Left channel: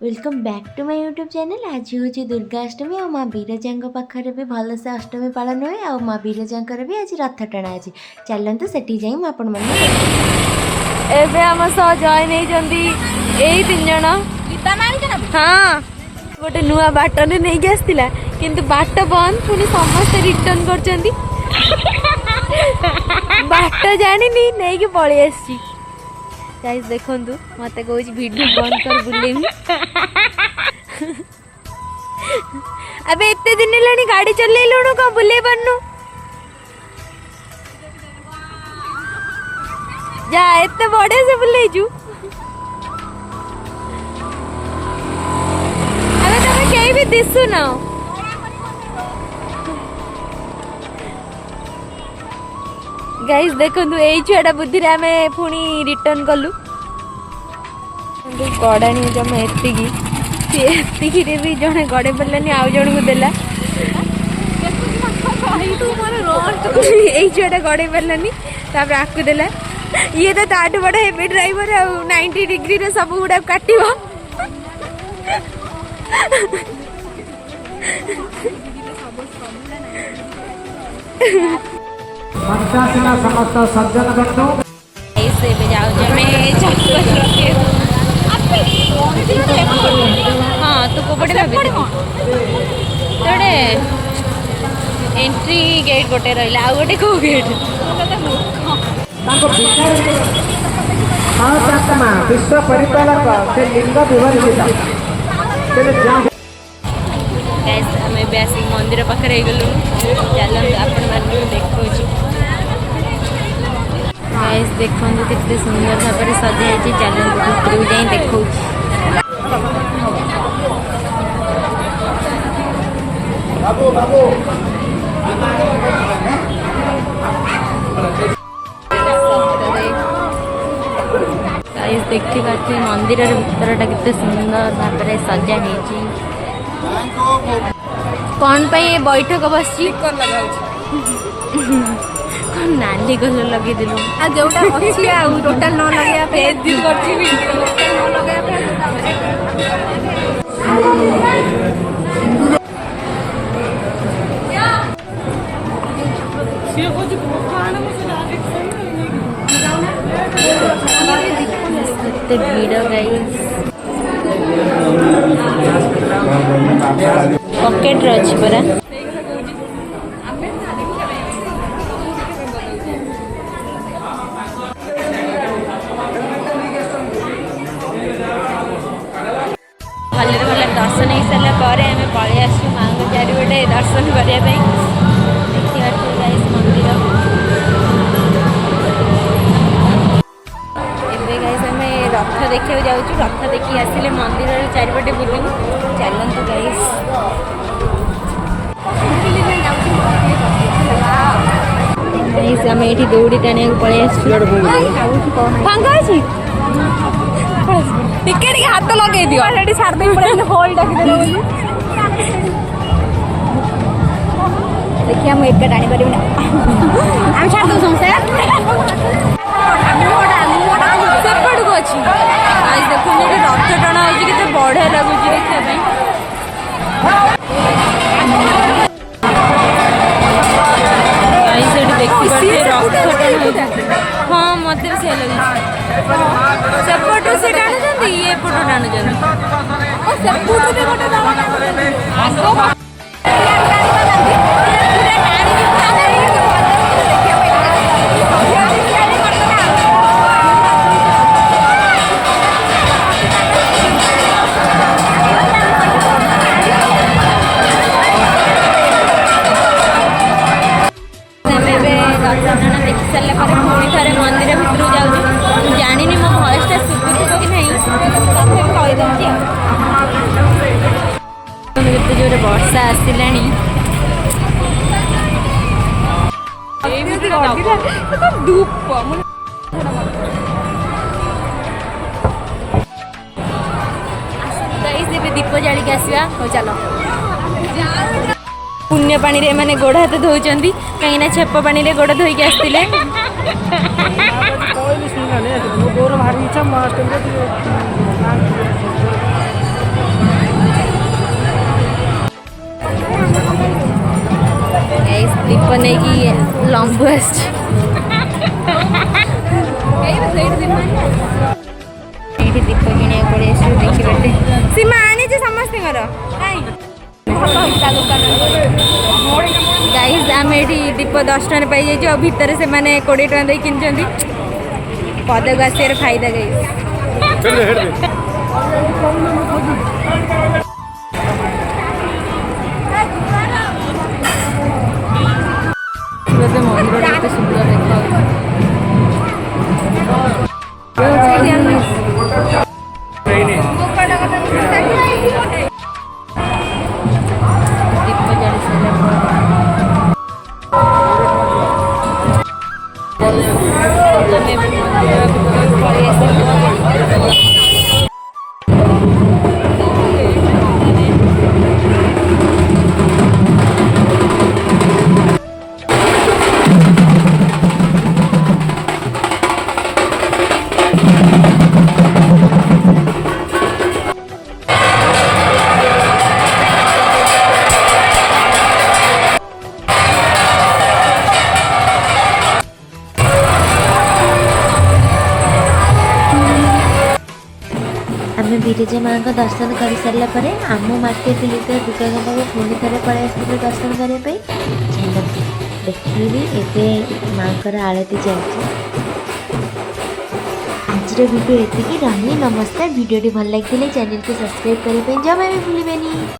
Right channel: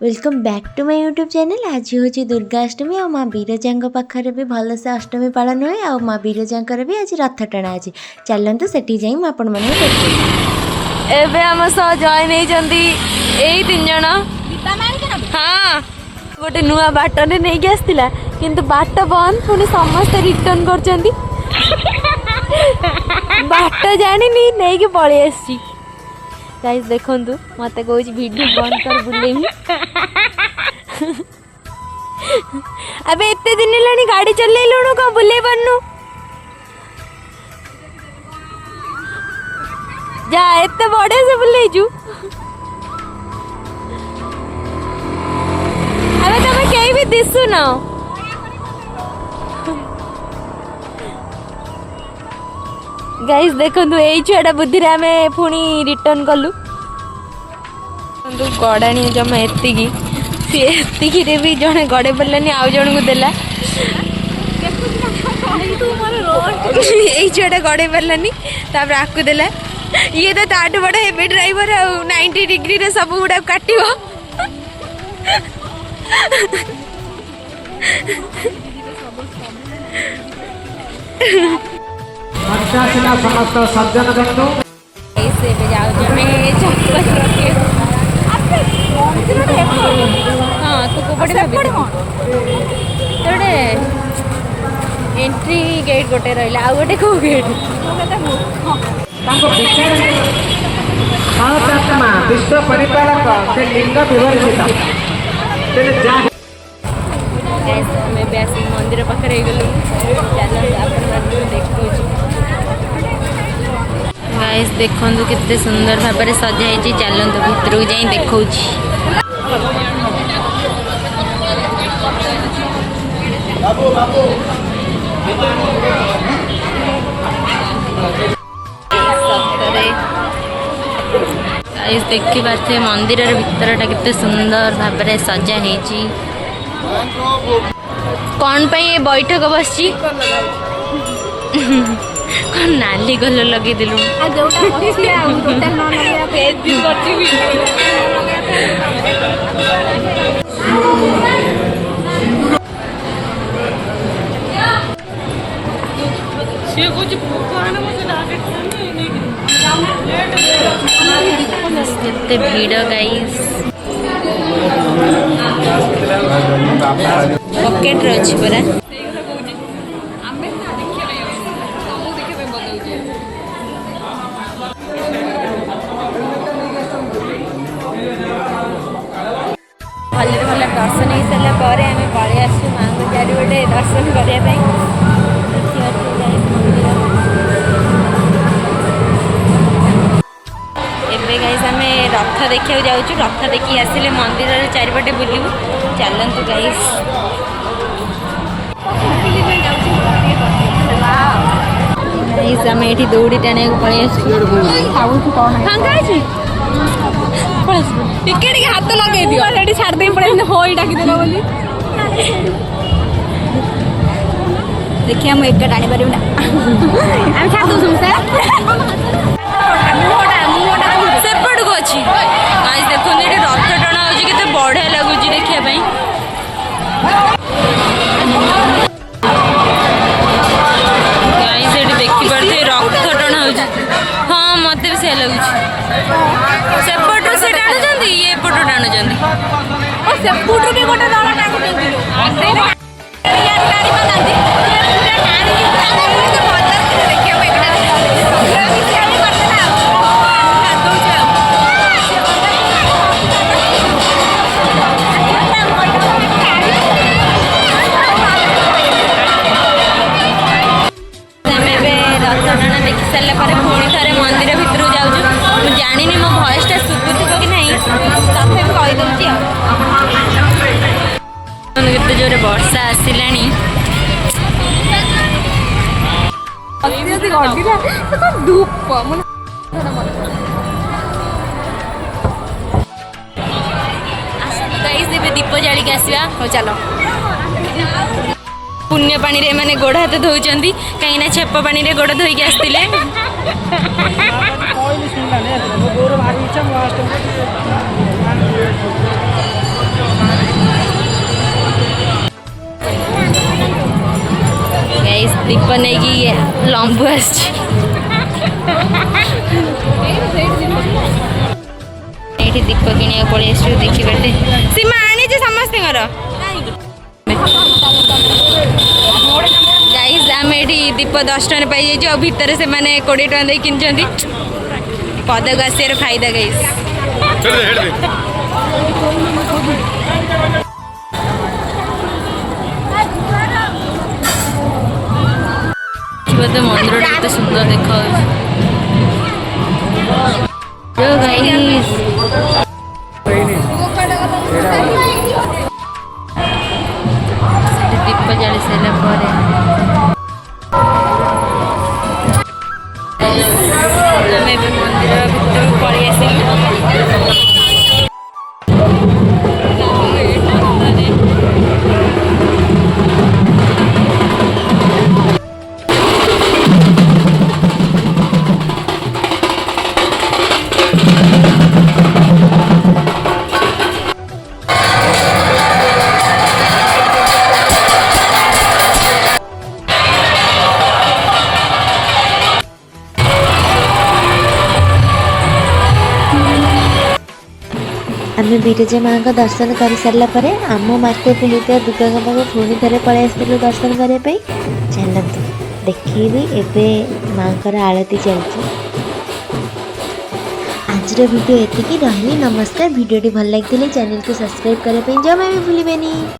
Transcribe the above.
Welcome back to my YouTube channel. आज हूँ दुर्गाष्टमी और माँ बीरजा पाखे भी भलसे अष्टमी पालन हुए और माँ बीरजा भी आज रथ टଣା आज चलते सेठी जाई आपण मैंने एबे हम सह जॉइन होती यही 3 जन। हाँ गोटे नुआ बाटने नहीं आसला किंतु बाट बंद पुणी समस्ते रिटर्न कर बाट जानी नहीं पलि आसी गाइस देखु मत कह वीडियो बंद कर बुलेमी अबे एते दिन लानी गाड़ी चलेलुणु कौन बुले बनू जा एते बड़े से बुले जू अरे तमे कहीं भी दिसु न गाइस देखो यही छुआटा बुद्धि आम पुणी रिटर्न कलु गड़ाणी जमा एतिकी भी जड़े गड़े पड़ानी आउ जन को देला यही छुआटा गड़े पड़ानी तापर आकु देला ये तो ताठू बड़ा हेवी ड्राइवर आ 90 डिग्री रे सब गुड़ा काटिबो समस्त सज्जन बंधु ऐसे पे जाओ जब मैं चप्पल रखे हाँ तो को पड़े भाभी तोड़े एंट्री गेट गोटे रहिला आ गोटे को गेट विश्व परिपालक से लिंग विवर्जित आम आसिक मंदिर पाखे गलु चलते आपण मैंने देखो गाइस देखो केते सुंदर भाव में सजाई चलतु भितर को जाई देखो गाइस देखी पारे मंदिर भितरटा केते सुंदर भाव में सजा है कौन पे बैठक बस कौन नाली कलर लगे दिलु कितने भीड़ गाइस पॉकेट रच परा भले भले दर्शन हो सारा पर आम पलि आसु माँ चारिपटे दर्शन करने देखिए गाइस मंदिर एबे गाइस आम रथ देखा जाऊँ रथ देखी आसिले मंदिर चारिपटे बुलू चलतु गाइस गाइस आम ये दौड़ी टाणी पलि आसु टिकेट हाथ लगे दियो छाड़ दे पड़े हॉल डाकी देला बोली देखिए हम एक टाणी पारिबो ना हम छाड़ दो समसे सेपट को अछि गाइस देखो ने रथ टणा होजी केते बढ़िया लागुची देखिया पई गाइस एठी देखि परते रथ टणा होजी हाँ मत भी से लगुची सेपट से टाणु जंदी ये पटो टाणु जंदी ओ सेपट के गोटे टाणु टाणु जंदी गाड़ी बनांदी पूरा टाणु टाणु के मजा के देखिए भाई सब भी गाड़ी करता ना मैं रथ टाणा देखि सारे पर पुणी थे मंदिर भितर जाऊँ जानी मो भयसटा शुभुव कि नहीं तथे कहीदे केते जोरे वर्षा आसला दीप जालिक आसवा हो चलो पुण्य पानी रे माने गोड़ हाथ धोउचंदी कहीं छेप पानी रे गोड़ धोइक आसतिले शंभु आसी ये दीप किणा पड़े देखिए सीमा आनी समस्त गाइज आम ये दीप 10 टन पाई जाइए भितर से मैंने 20 टका दे कि पदक आसार फायदा गाइज मंदिर केते सुंदर देखा दीप जाली सारा पर मंदिर भितर पलि आसिलु आम विरजा माँ का दर्शन कर सारा पर आम मास्टर पुलिस दुर्गा पाखे पुणी थे पलि आसलु दर्शन करने चलते देखी एवं माँ आरती चलती आज वीडियो एति रही नमस्कार वीडियो भल लगी चैनल को सब्सक्राइब करने जमा भी भूलें।